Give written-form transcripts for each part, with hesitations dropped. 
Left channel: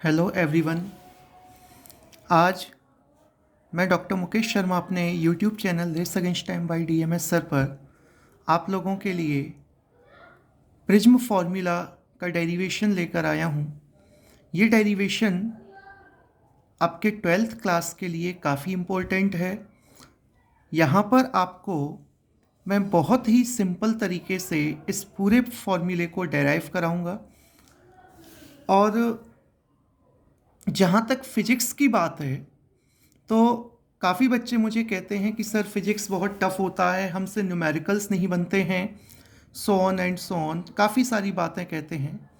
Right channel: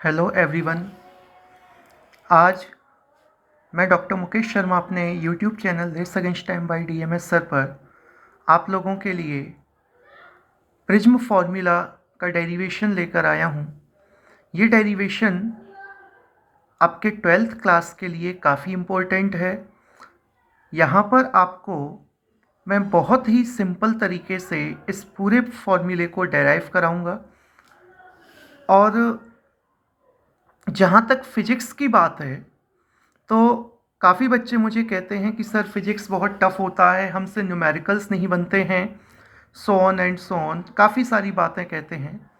Hello everyone. आज मैं doctor Mukesh Sharma अपने YouTube channel race against time by DMS sir पर आप लोगों के लिए प्रिज्म फार्मूला का डेरिवेशन लेकर आया हूँ। ये डेरिवेशन आपके 12th क्लास के लिए काफ़ी इम्पोर्टेंट है। यहाँ पर आपको मैं बहुत ही सिंपल तरीके से इस पूरे फॉर्मूले को डेराइव कराऊंगा। और जहाँ तक फिजिक्स की बात है तो काफ़ी बच्चे मुझे कहते हैं कि सर फिजिक्स बहुत टफ होता है, हमसे न्यूमेरिकल्स नहीं बनते हैं, so on and so on, काफ़ी सारी बातें कहते हैं।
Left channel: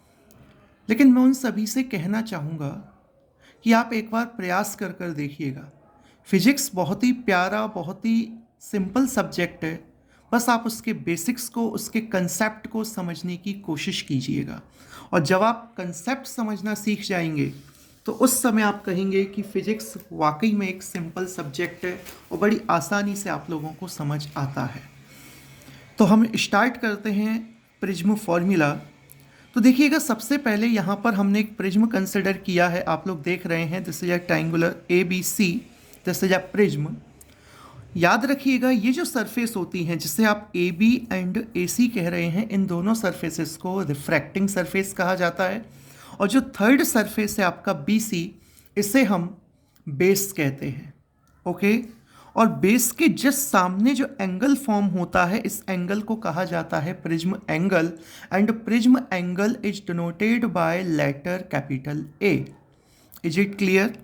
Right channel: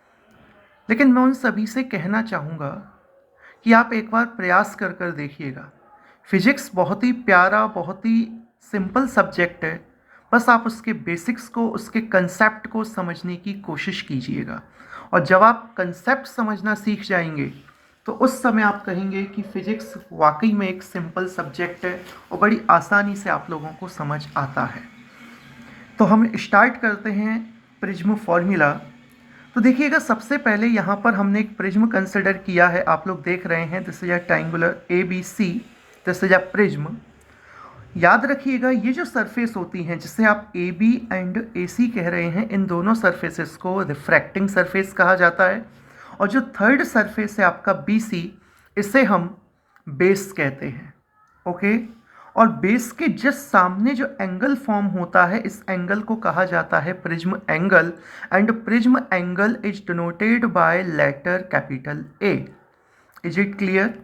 लेकिन मैं उन सभी से कहना चाहूँगा कि आप एक बार प्रयास कर कर देखिएगा। फिजिक्स बहुत ही प्यारा, बहुत ही सिंपल सब्जेक्ट है। बस आप उसके बेसिक्स को, उसके कंसेप्ट को समझने की कोशिश कीजिएगा। और जब आप कंसेप्ट समझना सीख जाएंगे तो उस समय आप कहेंगे कि फिजिक्स वाकई में एक सिंपल सब्जेक्ट है और बड़ी आसानी से आप लोगों को समझ आता है। तो हम स्टार्ट करते हैं प्रिज्म फॉर्मूला। तो देखिएगा, सबसे पहले यहाँ पर हमने एक प्रिज्म कंसिडर किया है। आप लोग देख रहे हैं this is a triangular A B C, this is a prism. याद रखिएगा, ये जो सरफेस होती हैं जिसे आप ए बी एंड ए सी कह रहे हैं, इन दोनों सरफेसेस को रिफ्रैक्टिंग सरफेस कहा जाता है। और जो थर्ड सरफेस है आपका बी सी, इसे हम बेस कहते हैं। ओके। और बेस के जस्ट सामने जो एंगल फॉर्म होता है, इस एंगल को कहा जाता है prism angle. And prism angle is denoted by letter capital A. Is it clear?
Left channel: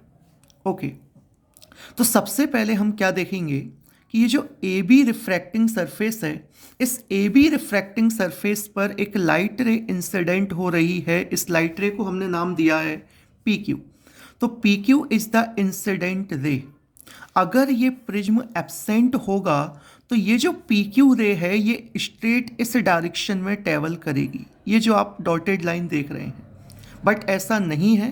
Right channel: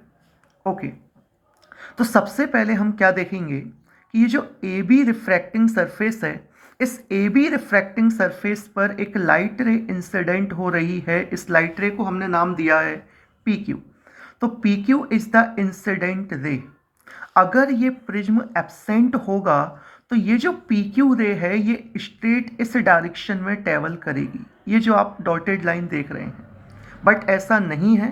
Okay. तो सबसे पहले हम क्या देखेंगे कि ये जो ए बी रिफ्रैक्टिंग सरफेस है, इस ए बी रिफ्रैक्टिंग सरफेस पर एक लाइट रे इंसिडेंट हो रही है। इस लाइट रे को हमने नाम दिया है पी क्यू। तो P Q is the incident ray. अगर ये प्रिज्म एब्सेंट होगा तो ये जो पी क्यू रे है ये स्ट्रेट इस डायरेक्शन में ट्रेवल करेगी, ये जो आप डॉटेड लाइन देख रहे हैं। बट ऐसा नहीं है।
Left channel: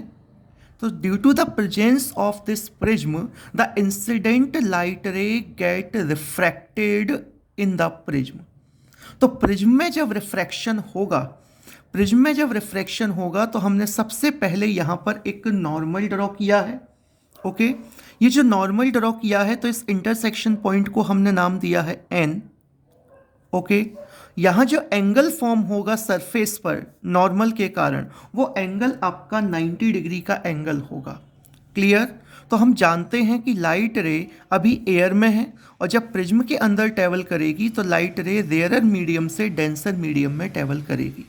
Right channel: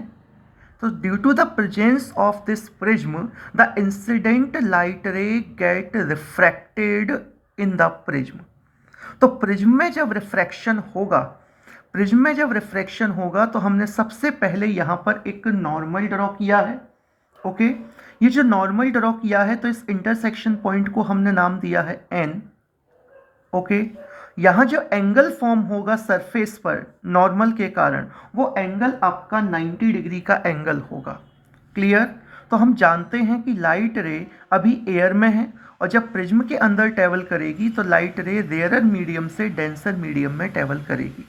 तो due to the presence of this prism, the incident light ray get refracted in the prism. तो प्रिज्म में जब रिफ्रैक्शन होगा, प्रिज्म में जब रिफ्रैक्शन होगा तो हमने सबसे पहले यहाँ पर एक नॉर्मल ड्रॉ किया है। ओके। ये जो नॉर्मल ड्रॉ किया है, तो इस इंटरसेक्शन पॉइंट को हमने नाम दिया है एन। ओके। यहाँ जो एंगल फॉर्म होगा सरफेस पर नॉर्मल के कारण, वो एंगल आपका 90 डिग्री का एंगल होगा। क्लियर? तो हम जानते हैं कि लाइट रे अभी एयर में है और जब प्रिज्म के अंदर ट्रेवल करेगी तो लाइट रे रेयरर मीडियम से डेंसर मीडियम में ट्रेवल करेगी।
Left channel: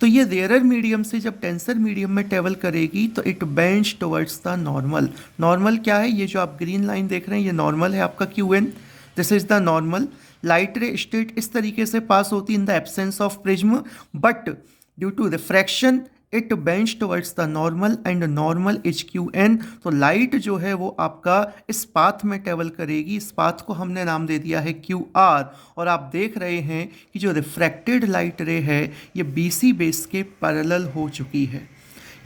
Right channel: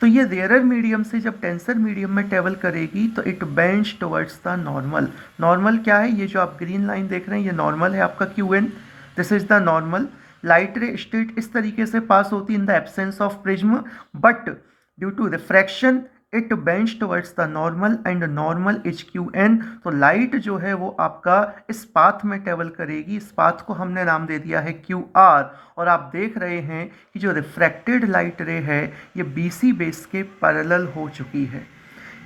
तो ये रेयरर मीडियम से जब डेंसर मीडियम में ट्रेवल करेगी तो it bends towards the normal. Normal क्या है? ये जो आप ग्रीन लाइन देख रहे हैं, ये नॉर्मल है आपका Q N. This is the normal. Light ray straight इस तरीके से पास होती in the absence of prism, but due to refraction it bends towards the normal and normal is Q N. तो लाइट जो है वो आपका इस पाथ में ट्रेवल करेगी। इस पाथ को हमने नाम दे दिया है क्यू आर। और आप देख रहे हैं कि जो रिफ्रैक्टेड लाइट रे है ये बी सी बेस के पैरेलल हो चुकी है।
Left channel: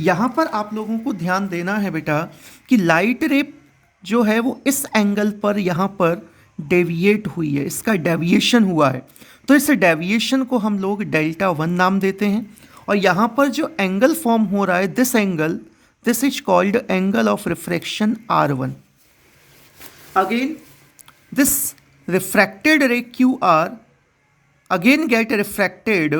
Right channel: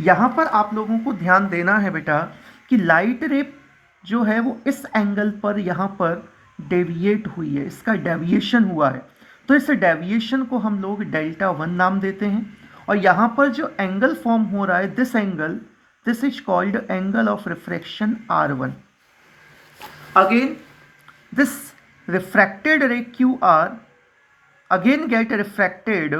यहाँ पर आप लोगों को ध्यान देना है बेटा कि लाइट रे जो है वो इस एंगल पर यहाँ पर डेविएट हुई है, इसका डेविएशन हुआ है। तो इस डेविएशन को हम लोग डेल्टा वन नाम देते हैं। और यहाँ पर जो एंगल फॉर्म हो रहा है, this angle, this is called angle of refraction R one. Again this refracted ray Q R again get refracted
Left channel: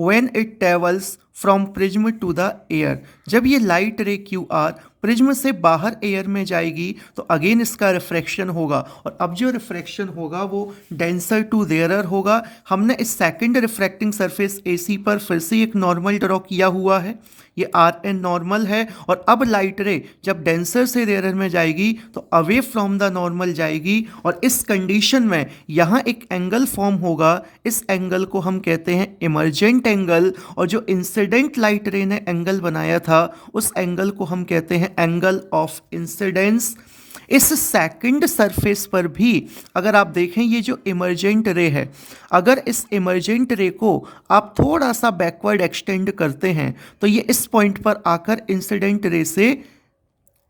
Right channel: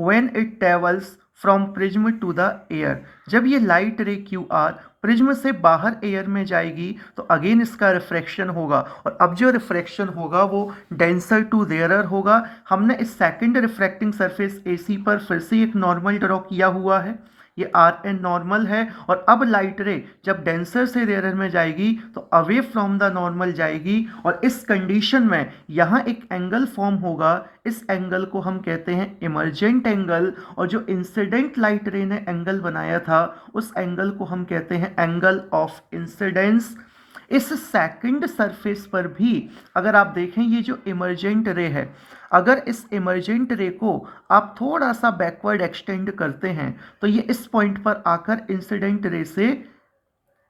when it travels from prism to the air। जब ये लाइट रे क्यू आर प्रिज्म से बाहर air में जाएगी तो again इसका refraction होगा। और अब जो रिफ्रैक्शन होगा वो डेंसर टू रेयरर होगा। हमने इस सेकंड रिफ्रैक्टिंग सरफेस ए सी पर फिर से एक नॉर्मल ड्रॉ किया हुआ है, ये आर एन नॉर्मल है। और अब लाइट रे जब डेंसर से रेयरर में जाएगी तो अवे फ्रॉम द नॉर्मल जाएगी। और इस कंडीशन में यहाँ एक एंगल फॉर्म होगा। इस एंगल को हम कहते हैं इमर्जेंट एंगल। और जो इंसिडेंट लाइट रे ने एंगल बनाया था उस एंगल को हम कहते हैं एंगल ऑफ इंसिडेंस। इस सेकंड सरफेस पर भी अगर आप देखें, ये जो इमर्जेंट रे है, अगर इस इमर्जेंट रे को आप थोड़ा सा बैकवर्ड एक्सटेंड करते हैं तो ये इस पॉइंट पर आकर इंसिडेंट रे से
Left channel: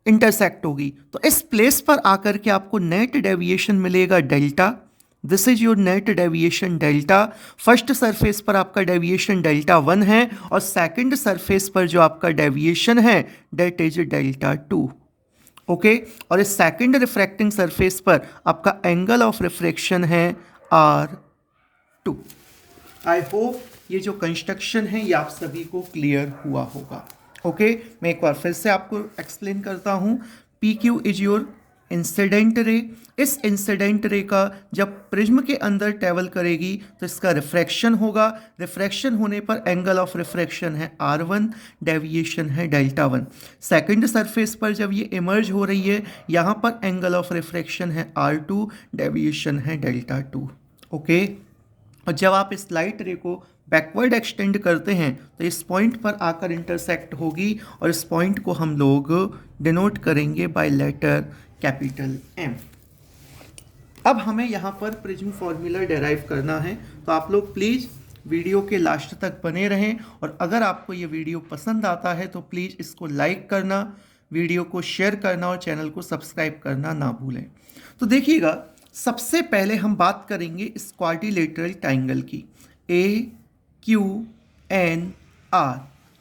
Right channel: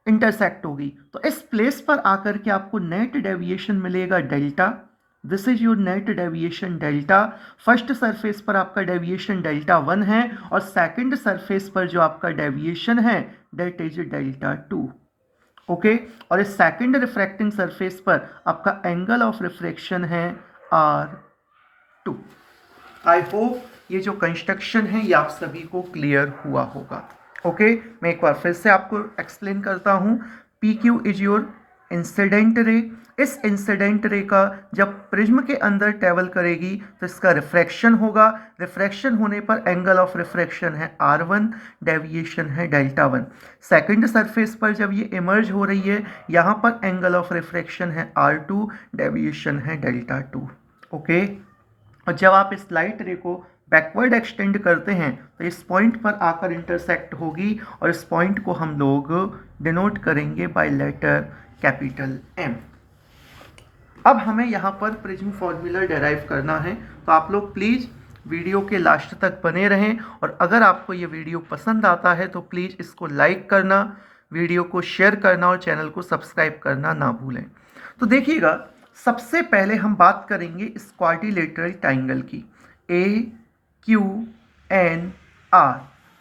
इंटरसेक्ट होगी। तो इस प्लेस पर आकर के आपको नेट डेविएशन मिलेगा delta. This is your net deviation delta. First surface पर आपका डेविएशन डेल्टा 1 है और सेकंड सरफेस पर जो आपका डेविएशन है डेट इज डेल्टा 2। ओके, और इस सेकंड रिफ्रैक्टिंग सरफेस पर आपका एंगल ऑफ रिफ्रैक्शन है R2। आई होप ये जो कंस्ट्रक्शन है ये आप सभी को क्लियर हुआ होगा। ओके, मैं एक बार फिर से आपको एक्सप्लेन करता हूँ। P Q is your incident ray. इस इंसिडेंट रे का जब प्रिज्म के अंदर ट्रेवल करेगी तो इसका रिफ्रैक्शन होगा। रिफ्रैक्शन होने पर एंगल ऑफ रिफ्रैक्शन है R1, डेविएशन है डेल्टा 1। सेकंड सरफेस पर जब ये इमर्ज हो रही है यहाँ पर एंगल ऑफ रिफ्रैक्शन है R2, डेविएशन है डेल्टा 2। ओके, और जब आप इस लाइट रे को बैकवर्ड एक्सटेंड करते हैं तो इस पॉइंट पर आकर इंटरसेक्ट होगी और इस पॉइंट को हम लोग डिनोट करेंगे बाय लेटर कैपिटल M। अब हमें यहाँ पर प्रिज्म फॉर्मूला डेराइव करना है, तो आप लोग प्लीज़ वीडियो के लास्ट तक बने रहें और अगर आपको ये वीडियो पसंद आता है तो प्लीज़ इसको लाइक करना, वीडियो को शेयर करना और चैनल को सब्सक्राइब करना ना भूलें। तो देखिएगा, सबसे पहले हम बात करेंगे इस क्वाड्रिलेटरल ट्राइंगल की AQNR।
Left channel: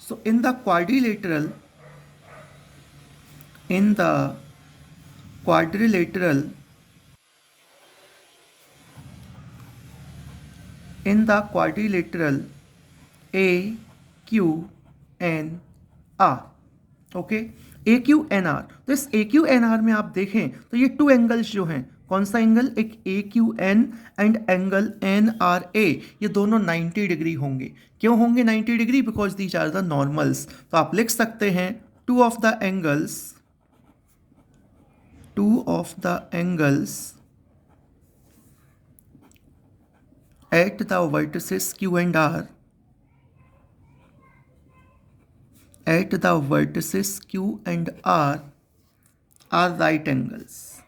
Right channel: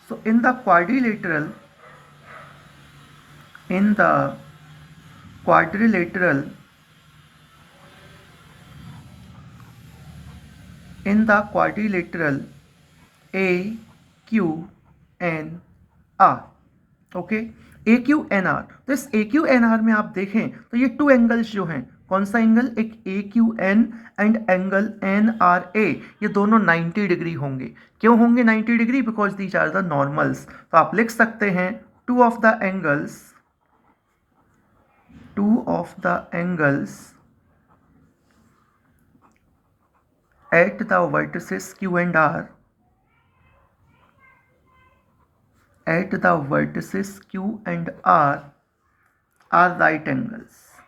So in the quadrilateral AQNR। Okay, AQNR। तो इस AQNR में आप देखें तो ये टू एंगल्स जो हैं, कौन सा एंगल, एक AQN एंड एंगल NRA, ये दोनों 90 डिग्री होंगे। क्यों होंगे 90 degree? Because these are the normals. तो आप लिख सकते हैं two of the angles at the vertices Q and R are right angles.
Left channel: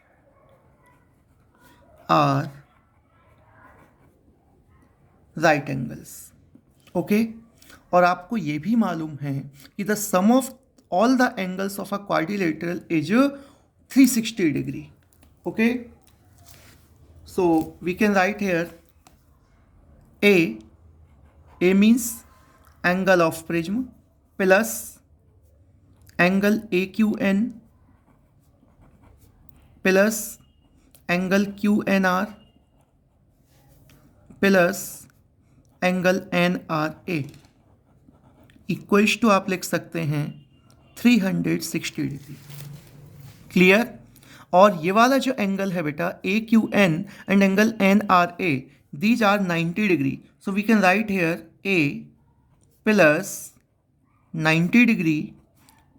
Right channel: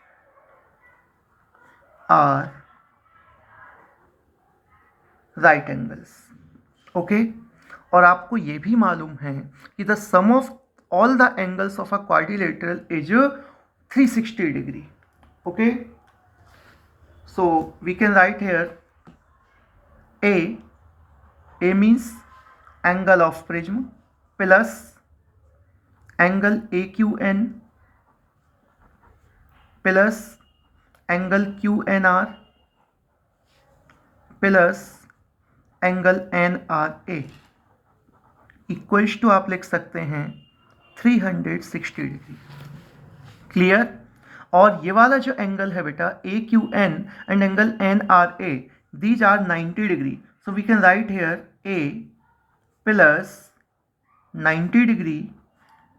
Okay, और आपको ये भी मालूम है कि the sum of all the angles of a quadrilateral is 360 degree. Okay, so we can write here A means angle of prism plus angle AQN plus angle QNR plus angle NRA equals to आप लिख सकते हैं 360 degree. Clear? और ये वाला जो angle है बेटा AQN and angle NRA, these are 90 degree. So we can write here A plus 90 degree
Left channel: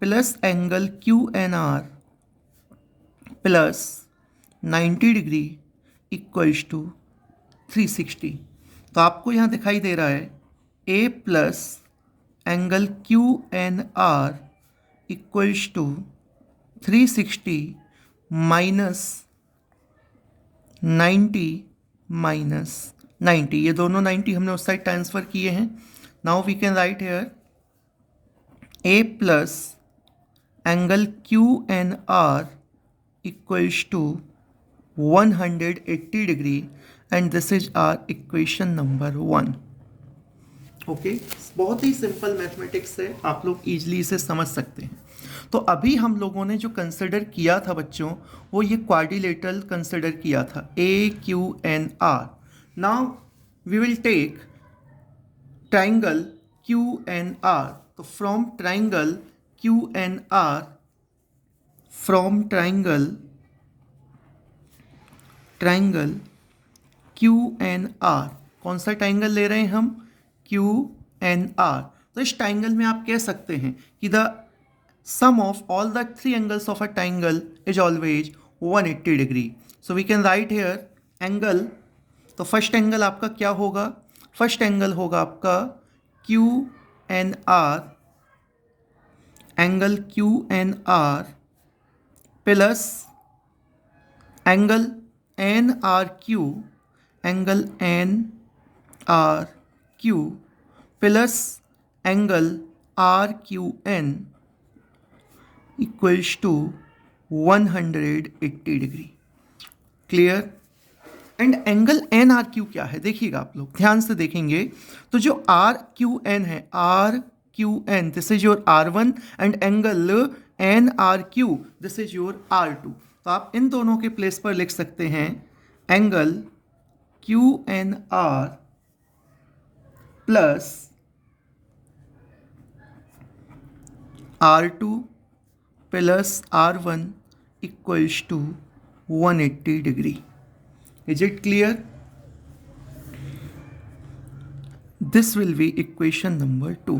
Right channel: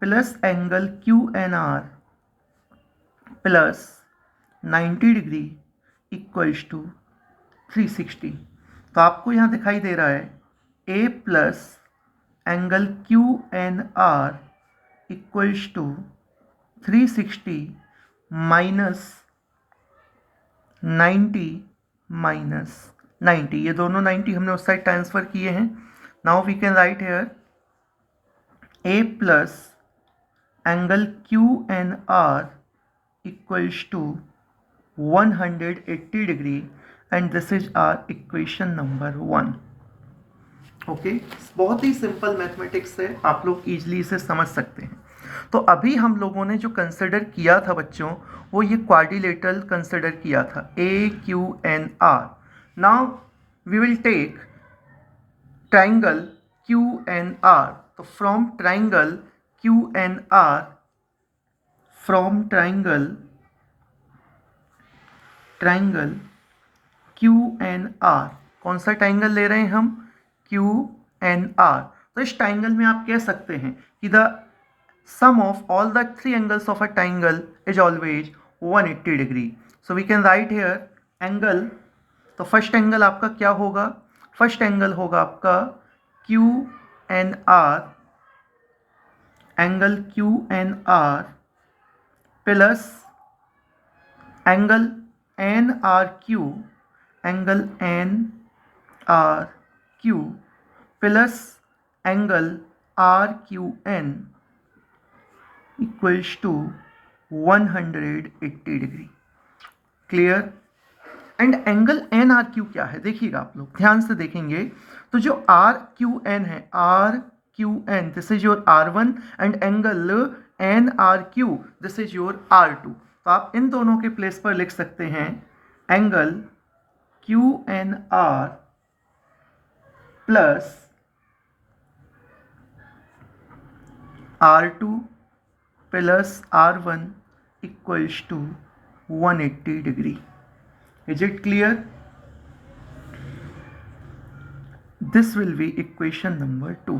plus angle QNR plus 90 degree equals to 360। तो आपको यहाँ दिखाई दे रहा है A plus angle QNR equals to 360 minus 90 minus 90, ये दोनों 90 हमने उस साइड ट्रांसफर किए हैं। Now we can write here A plus angle QNR equals to 180 degree and this is our equation number 1। Okay, बहुत ही सिंपल मैथमेटिक्स है, आप लोग इजीली इसे समझ सकते हैं। तो अभी हम लोगों ने जो कंसिडर किया था बच्चों, वो ये क्वाड्रिलेटरल कंसिडर किया था AQNR। Now we will take triangle QNR। तो फ्रॉम ट्राइंगल QNR, QNR, कौन सा ट्राइंगल ले रहे हैं हम? QNR। तो इस ट्राइंगल में आप कह सकते हैं कि the sum of all the three angles of a triangle is always 180 degree. So we can write here angle। तो फर्स्ट एंगल आपका क्या होगा? फर्स्ट एंगल होगा आपका QNR, angle QNR plus angle NRQ, angle NRQ plus angle RQN equals to 180 degree. Clear? And angle N R Q क्या है, देखिएगा आप लोग ध्यान से देखेंगे तो जो आर क्यू एन है, R Q N, this is your R one, and angle N R Q, this is your R two. तो आप इन दोनों के प्लेस पर लिख सकते हैं angle Q N R plus R two plus R one equals to 180 degree. Is it clear? This will be equation number 2.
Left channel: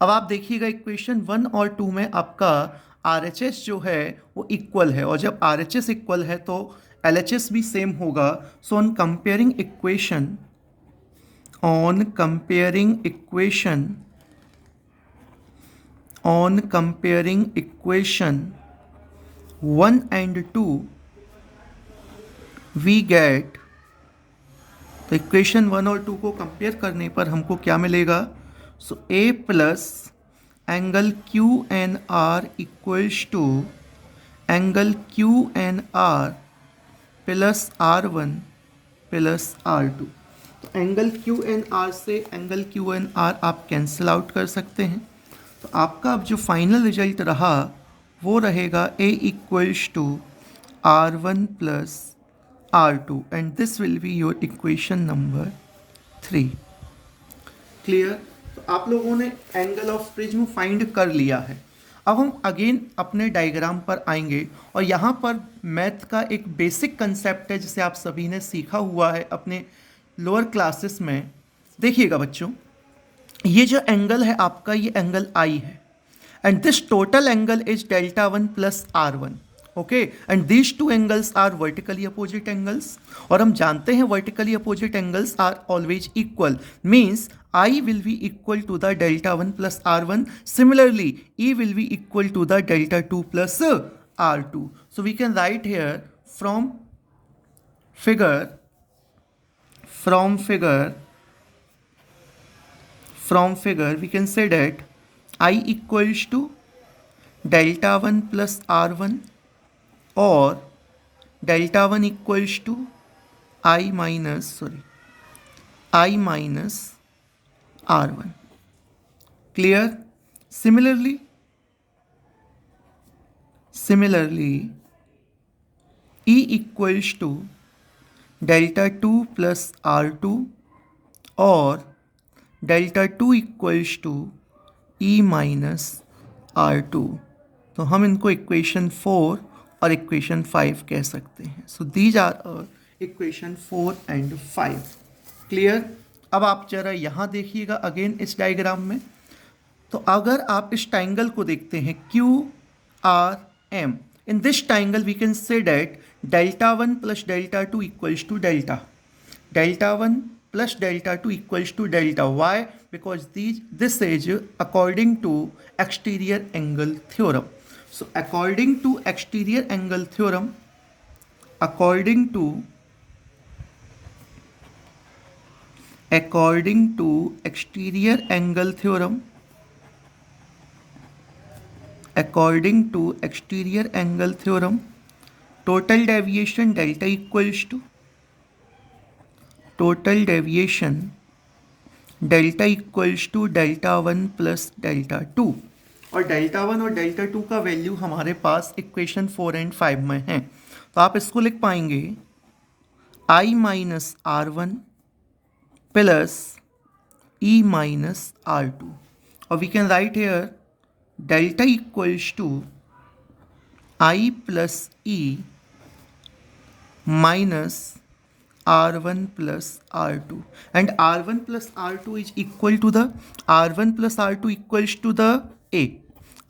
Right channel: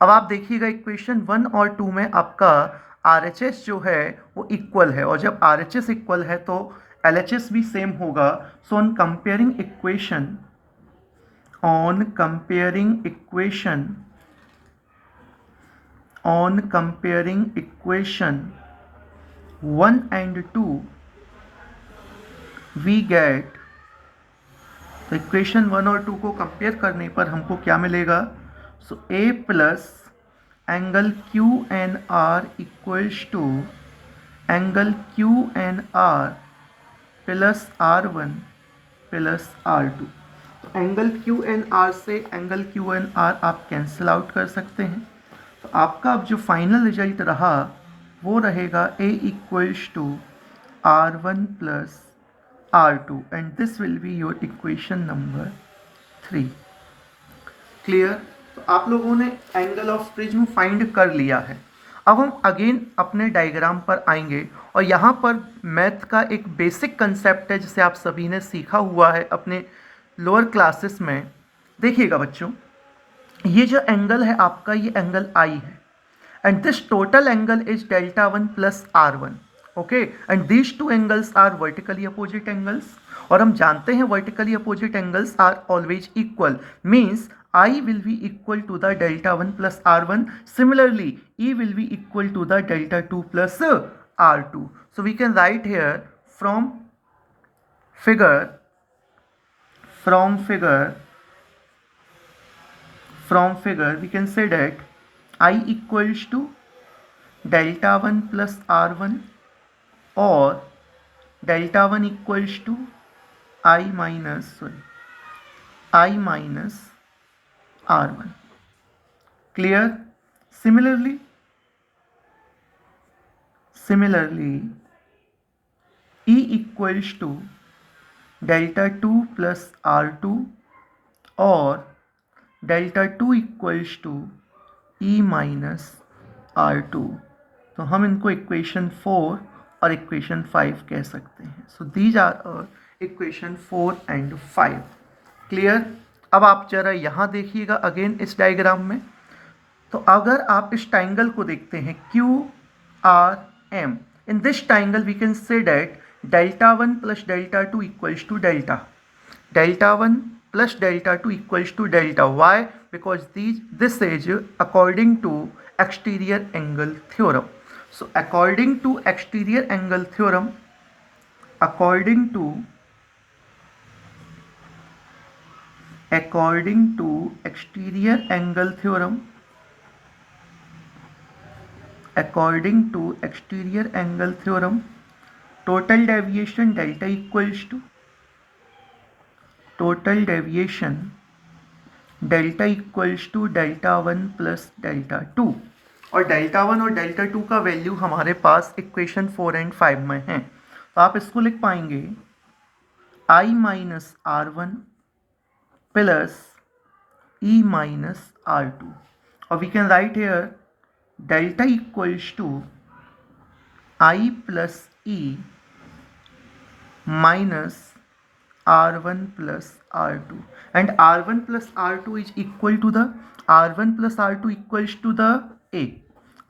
अब आप देखिएगा इक्वेशन 1 और 2 में आपका RHS जो है वो इक्वल है, और जब RHS इक्वल है तो LHS भी सेम होगा। So on comparing equation 1 and 2 we get, तो इक्वेशन 1 और 2 को कंपेयर करने पर हमको क्या मिलेगा, so A plus angle Q N R equals to angle Q N R plus R one plus R two. तो एंगल क्यू एन आर से एंगल क्यू एन आर आप कैंसिल आउट कर सकते हैं। तो आपका अब जो फाइनल रिजल्ट रहा वो रहेगा A equals to R one plus R2, and this will be your equation number 3. Clear? तो आप लोगों ने एंगल ऑफ प्रिज्म फाइंड कर लिया है। अब हम अगेन अपने डायग्राम पर आएंगे, और यहाँ पर मैथ का एक बेसिक कंसेप्ट है जिसे आप सभी ने सीखा हुआ है अपने लोअर क्लासेस में। देखिएगा बच्चों, ये जो एंगल है आपका, ये एंगल I है, and this total angle is delta one plus R one. Okay, and these two angles are vertically opposite angles, और हम जानते हैं vertically opposite angles are always equal, means I will be equal to the delta 1 plus R1. Similarly, E will be equal to the delta 2 plus R2. So we can write here from figure we can say that I equals to delta 1 plus R1 or delta 1 equals to I minus R1. Clear? Similarly, E equals to delta 2 plus R2 or delta 2 equals to E minus R2. तो हम इनको equation 4 और equation 5 कह सकते हैं। So these are equation 4 and 5। Clear? अब आप जरा यहाँ देखिएगा अगेन इस डायग्राम में, तो अगर आप इस ट्राइंगल को देखते हैं QRM, in this triangle we can say that delta 1 plus delta 2 equals to delta 1 plus delta 2 equals to delta. Why? Because this is according to exterior angle theorem. So according to exterior angle theorem, according to exterior angle theorem, total deviation delta equals to delta 1 plus delta 2, और delta 1 और delta 2 का value हमारे पास equation 4 and 5 में है। तो आप इसको लिख पाएंगे I minus R1 plus E minus R2, और we can write here delta equals to I plus E minus R1 plus R2, and R1 plus R2 is equal to the R1 plus R2 equals to the A.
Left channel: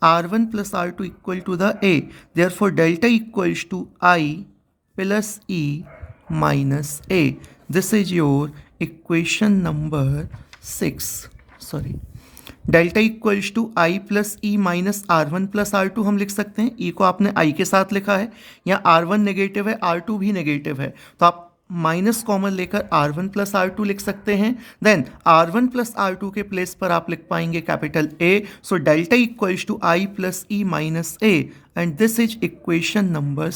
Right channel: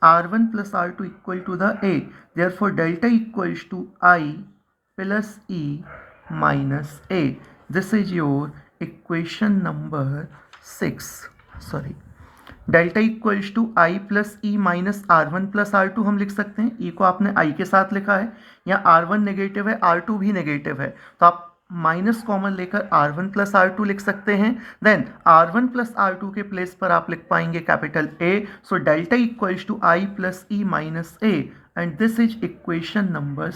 R1 plus R2 equal to the A. Therefore, delta equals to I plus E minus A. This is your equation number 6. Sorry. Delta equals to I plus E minus R1 plus R2 हम लिख सकते हैं। E को आपने I के साथ लिखा है, यहाँ R1 नेगेटिव है, R2 भी नेगेटिव है, तो आप माइनस कॉमन लेकर R1 प्लस R2 लिख सकते हैं। देन R1 प्लस R2 के प्लेस पर आप लिख पाएंगे capital A। So delta equals to I plus E minus A, and this is equation number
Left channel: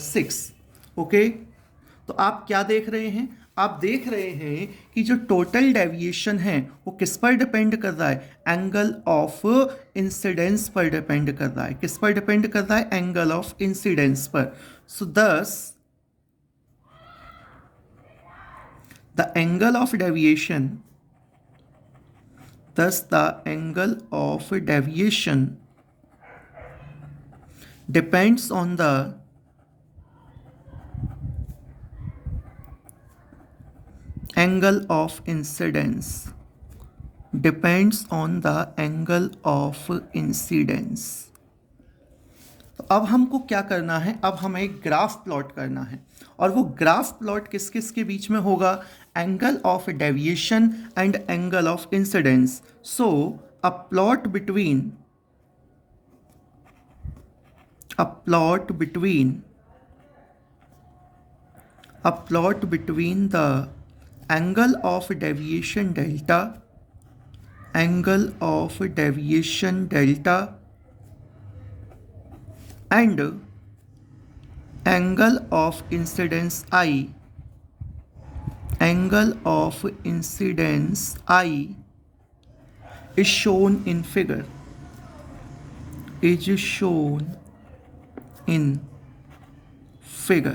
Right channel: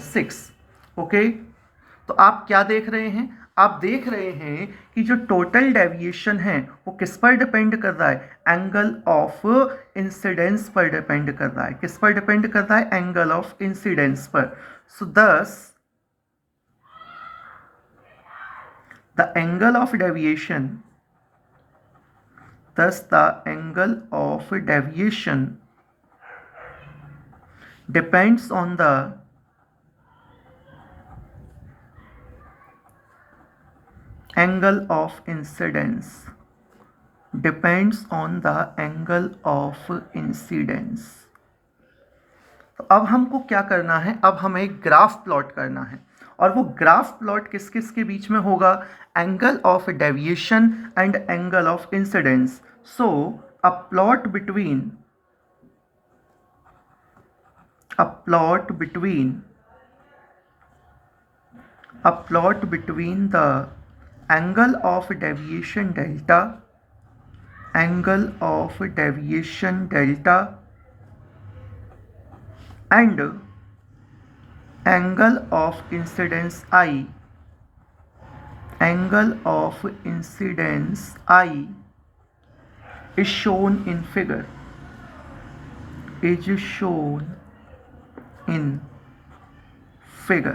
6। Okay, तो आप क्या देख रहे हैं? आप देख रहे हैं कि जो टोटल डेविएशन है वो किस पर डिपेंड कर रहा है? एंगल ऑफ इंसिडेंस पर डिपेंड कर रहा है। किस पर डिपेंड कर रहा है? एंगल ऑफ इंसिडेंस पर। सो दस the angle of deviation, thus the angle of deviation depends on the angle of incidence, depends on the angle of incidence। तो अब हमको क्या करना है? अब हमें एक ग्राफ प्लॉट करना है, और वो ग्राफ प्लॉट किस किस के बीच में होगा? Angle of deviation and angle of incidence. So a plot between a plot between the angle of deviation delta, angle of deviation delta and angle of incidence I, angle of incidence I is shown in figure, is shown in figure.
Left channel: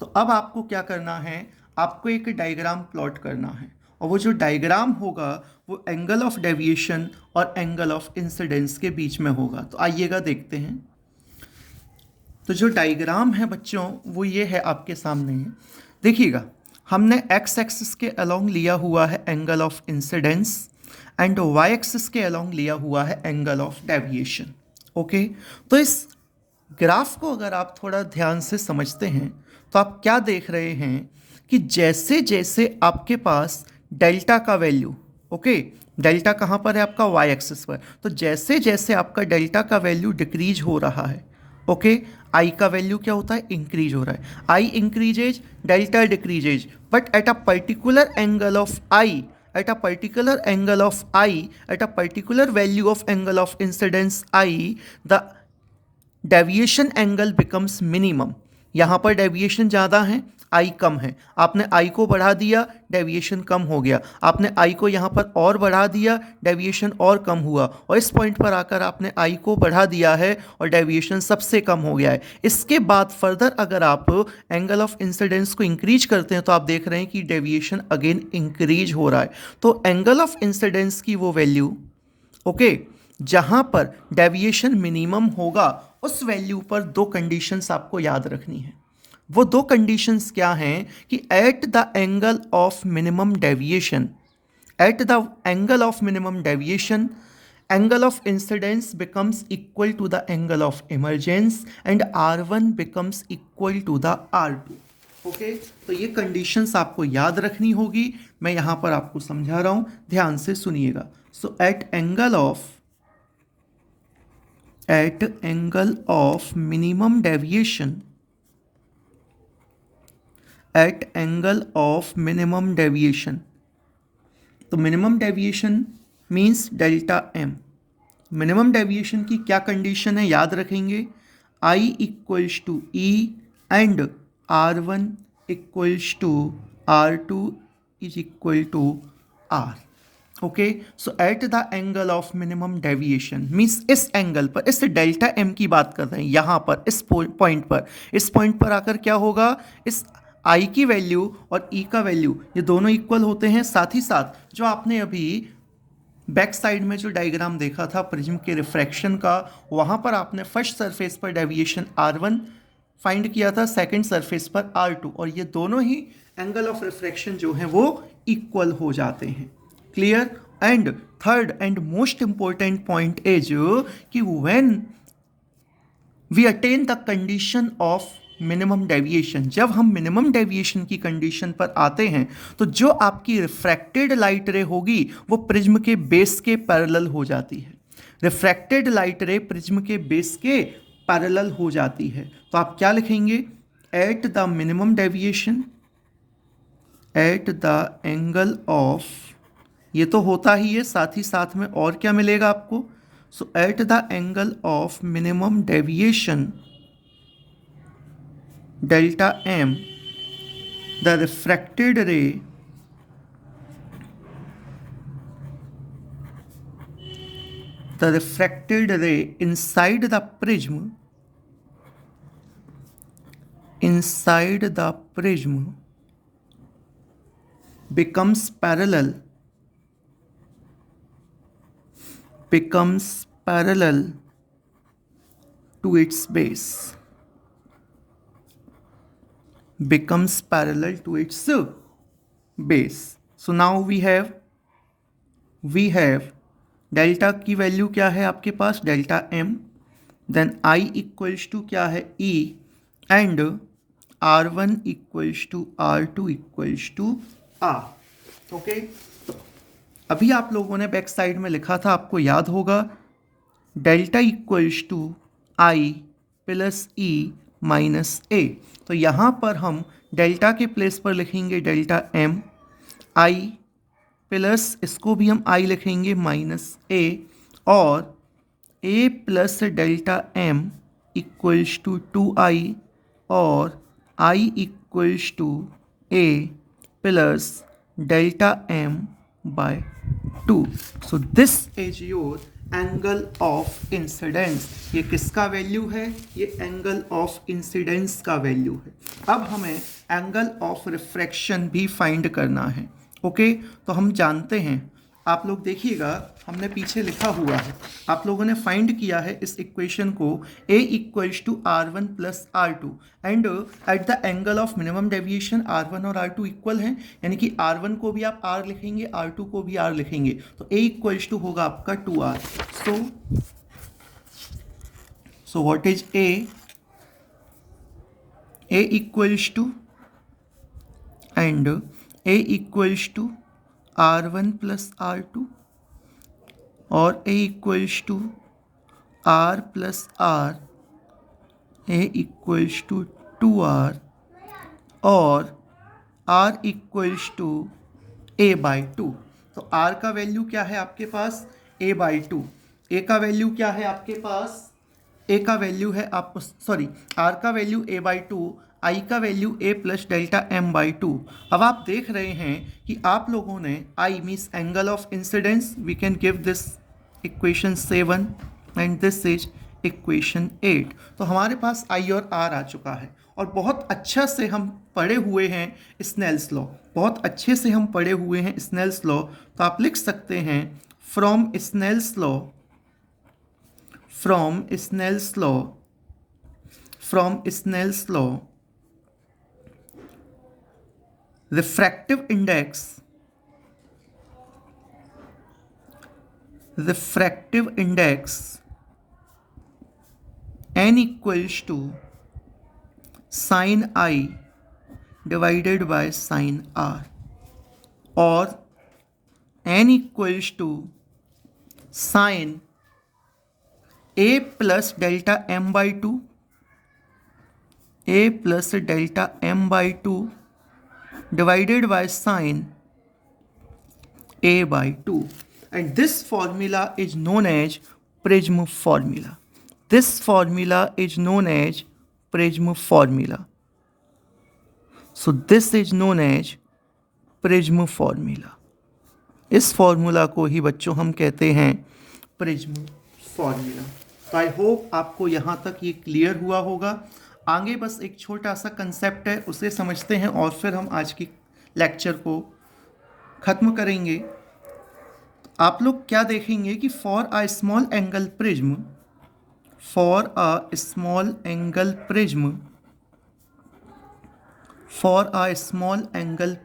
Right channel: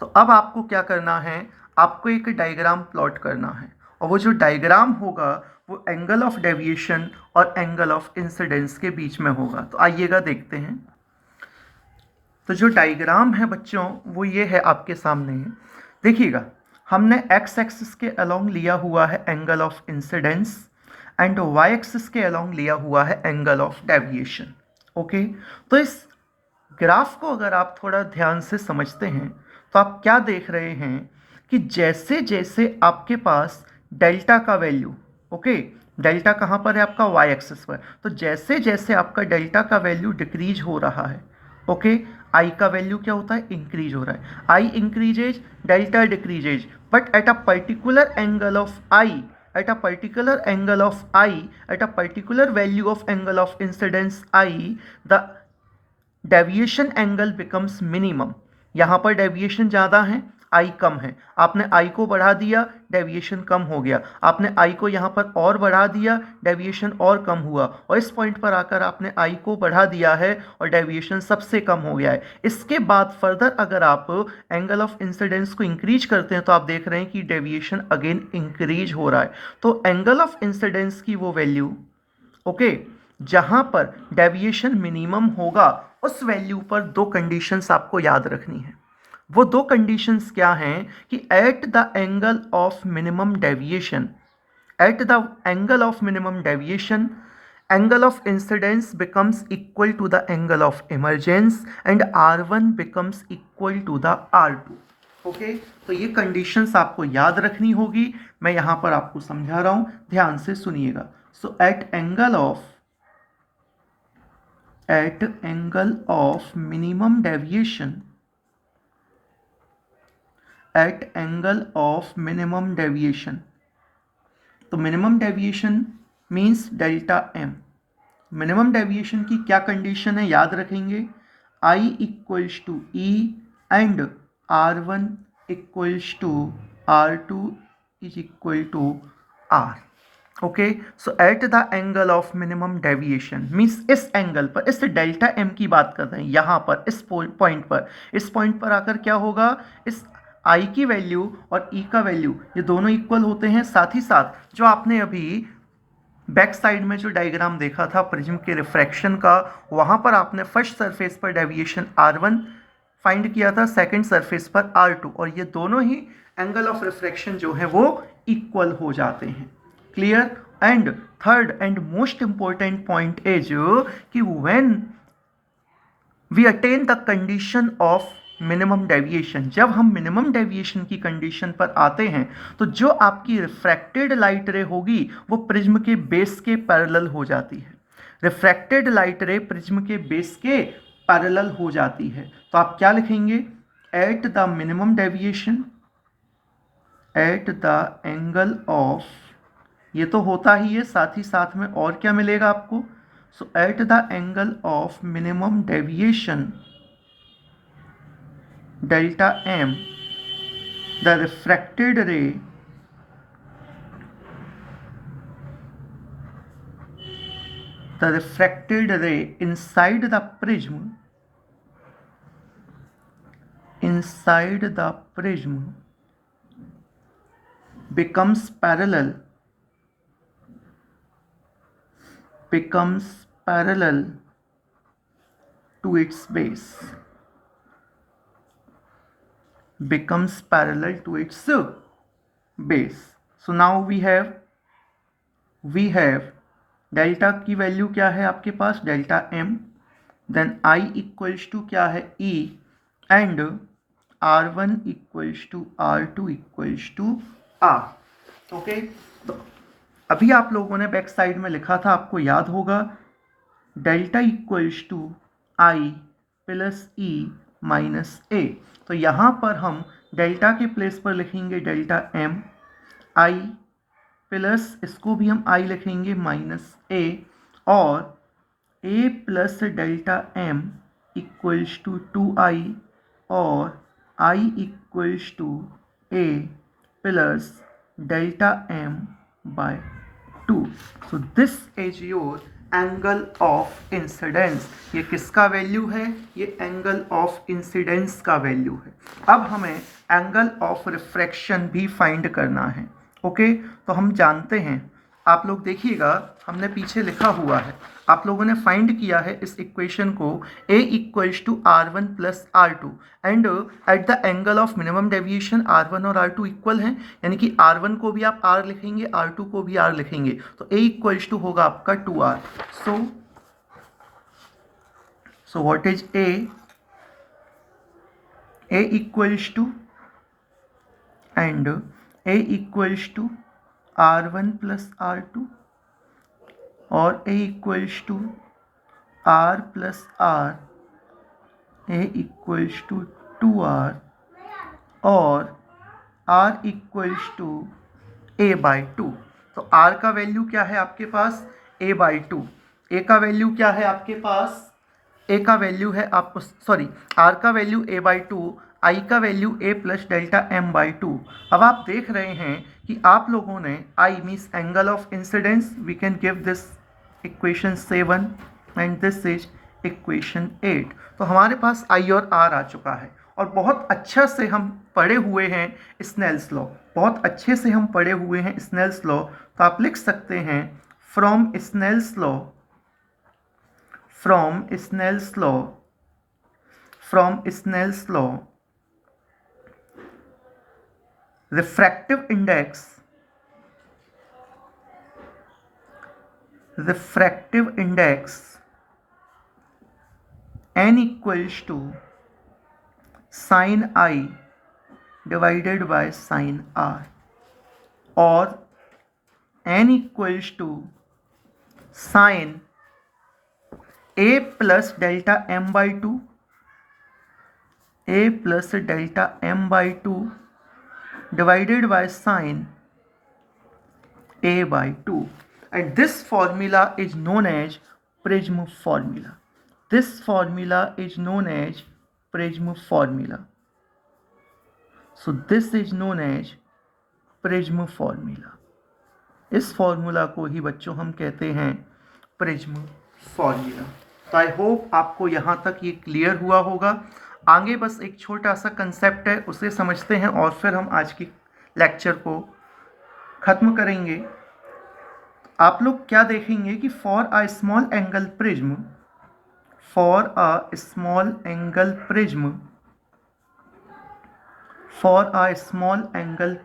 तो अब आपको क्या करना है? आपको एक diagram plot करना है, और वो जो डायग्राम होगा वो एंगल ऑफ डेविएशन और एंगल ऑफ इंसिडेंस के बीच में होगा। तो आइएगा देखते हैं। तो जो डायग्राम है बच्चों वो ये है, आपके सामने है। देखिएगा, हमने एक्स एक्सिस के अलोंग लिया हुआ है angle of incidence, and Y axis के अलोंग लिया हुआ है एंगल ऑफ डेविएशन। ओके, तो इस ग्राफ को अगर आप थोड़ा ध्यान से समझते हैं तो आप क्या देख रहे हैं कि जैसे जैसे आपके पास डेल्टा का वैल्यू, ओके, डेल्टा कहाँ पर है? आपका वाई एक्सिस पर। तो जैसे जैसे आपका डेल्टा का वैल्यू डिक्रीज हो रहा है, ओके, आई का वैल्यू क्या होता है? इंक्रीज हो रहा है। आई increases, delta decreases, but at a particular angle of I, at a particular angle of I, at a particular value of angle of incidence I, the deviation angle becomes minimum. यहाँ पर deviation ज़्यादा है, आई कम है। आपने आई को बढ़ा दिया, deviation कम हो गया। आपने आई को यहाँ पर और बढ़ा दिया, डेविएशन और कम हुआ। और इस पॉइंट पर आकर आपने आई को बढ़ा दिया है और डेविएशन सबसे कम हो गया है। इसके बाद फर्दर अगर आप एंगल ऑफ इंसिडेंस को इंक्रीज करते हैं तो आप देख रहे हैं कि डेविएशन अगेन इंक्रीज हो रहा है। तो एंगल ऑफ इंसिडेंस की वो वैल्यू, ओके, जहाँ पर डेविएशन मिनिमम होगा उस वैल्यू पर दो कंडीशंस आपको याद रखनी है। वो दो कंडीशंस क्या हैं? कि at the angle of minimum deviation, at the angle of minimum deviation, angle of incidence becomes equal to the angle of emergence and R1 becomes equal to the R2। Okay, तो ये conditions आपको याद रखनी होगी। मैं यहाँ पर आपको समझा रहा हूँ, ध्यान से सुनिएगा। सो eight angle of minimum deviation, at angle of minimum deviation, तो minimum deviation means delta M. Minimum deviation की क्या कंडीशन है? याद रखेंगे, I equals to E and R1 equals to R2 is equal to R। Okay, so at the angle of minimum deviation means इस angle पर, इस delta M की बात कर रहे हैं यहाँ पर, इस पॉइंट पर, इस पॉइंट पर आकर क्या होगा? इस आई की वैल्यू और ई का वैल्यू ये दोनों इक्वल होते हैं। साथ ही साथ जो आपने अभी बैक साइड में जो डायग्राम देखा था प्रिज्म के रिफ्रैक्शन का, वहाँ पर आपने फर्स्ट सरफेस पर डेविएशन R1 फाइंड किया था, सेकंड सरफेस पर R2, और ये दोनों ही एंगल ऑफ रिफ्रैक्शन जो है वो इक्वल हो जाते हैं। Clear? And third and most important point is कि when we attain the condition of minimum deviation, जब हम मिनिमम डेविएशन की कंडीशन पर आते हैं तो जो आपकी रिफ्रैक्टेड लाइट रे होगी वो प्रिज्म के बेस के पैरेलल हो जाती है। रिफ्रैक्टेड लाइट रे प्रिज्म के बेस के पैरेलल हो जाती है। तो आप क्या लिखेंगे? At the minimum deviation, at the angle of, ये तो होता ही है, साथ ही साथ में और क्या मिलेगा आपको? So at the angle of minimum deviation delta m, the refracted ray inside the prism becomes parallel to its base. So now we have delta की वैल्यू क्या है आपके पास, delta M, then I equals to क्या है, E, and R1 equals to R2 equals to R. Okay, तो अभी आप लोगों ने बैक साइड में लिखा था, आपको याद होगा, delta equals to I plus E minus A. तो यहाँ पर हम डेल्टा के प्लेस पर लिखेंगे डेल्टा एम, आई प्लस इसको भी हम आई लिखेंगे माइनस ए, और A plus delta M equals to 2i, और I equals to A plus delta M by 2. So this is your angle of incidence. ये किसका वैल्यू है, ये एंगल ऑफ इंसिडेंस का वैल्यू है. अब हमें एंगल ऑफ रिफ्रैक्शन भी फाइंड करना है. ओके, तो हम जानते हैं, आप लोग देखिएगा, हमने पीछे लिखा हुआ है, आप लोगों ने फाइंड किया है इस इक्वेशन को, a equals to R1 plus R2, and at the angle of minimum deviation R1 और R2 इक्वल हैं, यानी कि R1 को भी आप R लिखेंगे, R2 को भी R लिखेंगे, तो a इक्वल्स टू होगा आपका 2R. So what is a equals to, and a equals to R1 plus R2, और a equals to R plus R, a equals to 2R, और R equals to a by 2. तो R का value क्या है आपके पास, a by 2. a का value क्या है आपके पास, a का वैल्यू है आप, सॉरी, R का वैल्यू a बाई 2, आई का value a plus delta M by 2. अब आप देख रहे हैं कि आप लोगों ने I means angle of incidence, we can give this equation 7 and this is equation 8. तो हमारे पास आई और आर आ चुका है, और बहुत अच्छा से हम पढ़े हुए हैं स्नेल्स लॉ, बहुत अच्छे से हम पढ़े हुए हैं स्नेल्स लॉ. तो आप लिख सकते हैं from Snell's law refractive index n equals to sin I divided by sin R, or n equals to sin a plus delta m by 2, a plus delta m by 2 divided by sin a by 2, and this formula is known as Prism formula. This formula is known as Prism formula. So this is known as Prism formula. इस formula को ही बच्चों हम कहते हैं prism formula. तो I hope आपको यहाँ तक ये क्लियर हुआ होगा. आगे बस एक छोटा सा कंसेप्ट है, उसे समझते हैं और फिर हम आज की लेक्चर को ख़त्म करेंगे. आप लोग क्या देखेंगे कि for a small angle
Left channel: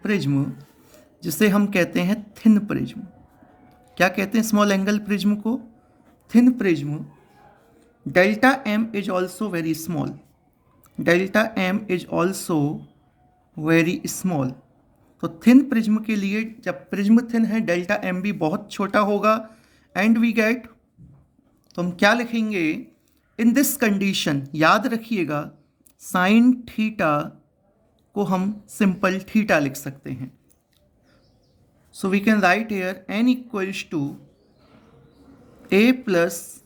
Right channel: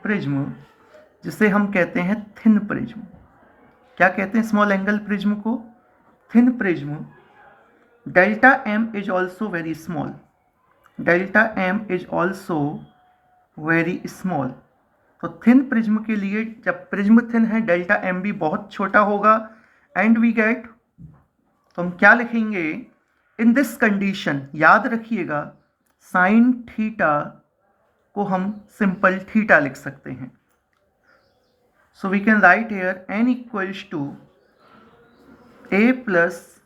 prism, जिसे हम कहते हैं थिन प्रिज्म. क्या कहते हैं स्मॉल एंगल प्रिज्म को, thin prism. Delta M is also very small, delta M is also very small. तो थिन प्रिज्म के लिए, जब प्रिज्म थिन है, डेल्टा एम भी बहुत छोटा होगा, एंड वी गेट, तो हम क्या लिखेंगे इन दिस कंडीशन, याद रखिएगा साइन थीटा को हम सिंपल थीटा लिख सकते हैं. So we can write here n equals to a plus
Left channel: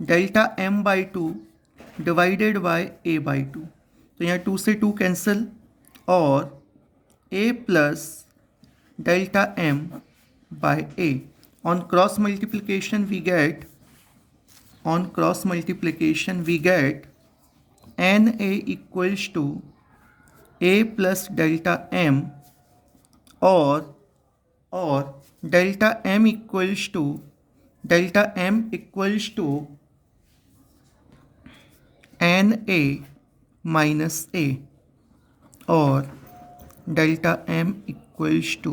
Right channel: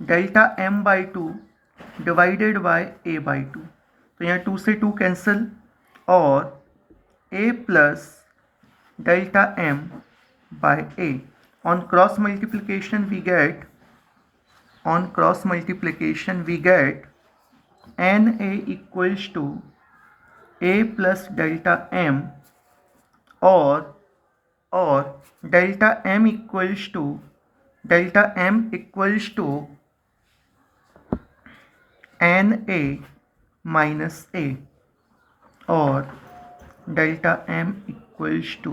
delta m by 2 divided by a by 2. तो यहाँ 2 से 2 कैंसिल, और a plus delta m by a। On cross multiplication we get na equals to a plus delta m, और delta m equals to na minus a, और delta m equals to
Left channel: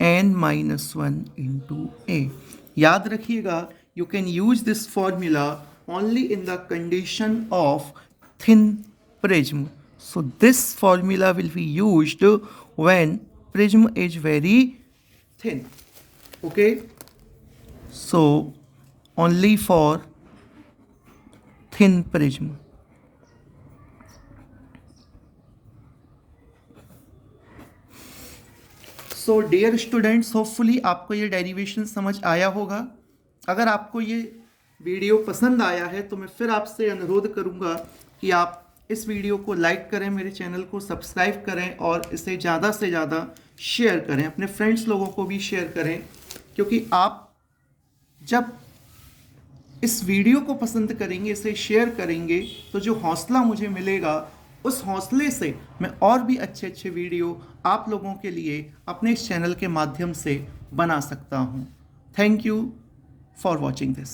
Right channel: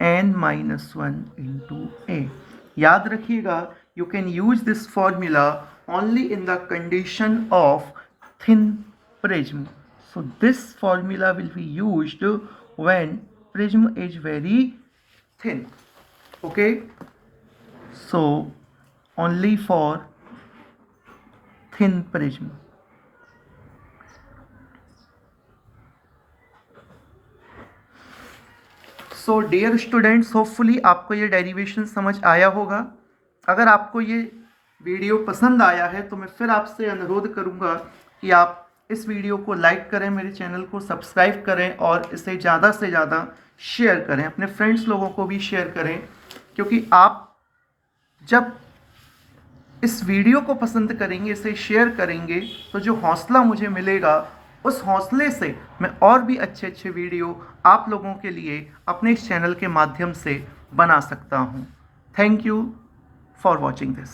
n minus 1 into a। याद रखिएगा, you can use this formula only in the condition of thin prism. So this formula will be used when prism is very thin. Okay, so only for thin prism. So dear students, hopefully आपको ये derivation समझ आया होगा। अगर आपको ये video पसंद आया है तो मैं फिर आपसे अनुरोध करूँगा कि आप इस वीडियो को लाइक करें, मेरे चैनल को सब्सक्राइब करें और इसे ज़्यादा से ज़्यादा शेयर करें, अपने फ्रेंड्स लोगों को भी शेयर करें, क्योंकि आप जब इस वीडियो को पसंद करेंगे, इसे शेयर करेंगे, तो जो हौसला मुझे मिलेगा, उस हौसले से मैं और भी अच्छे अच्छे वीडियो आप लोगों के लिए अपने इस चैनल के माध्यम से बना सकता हूँ। Thank you for watching this.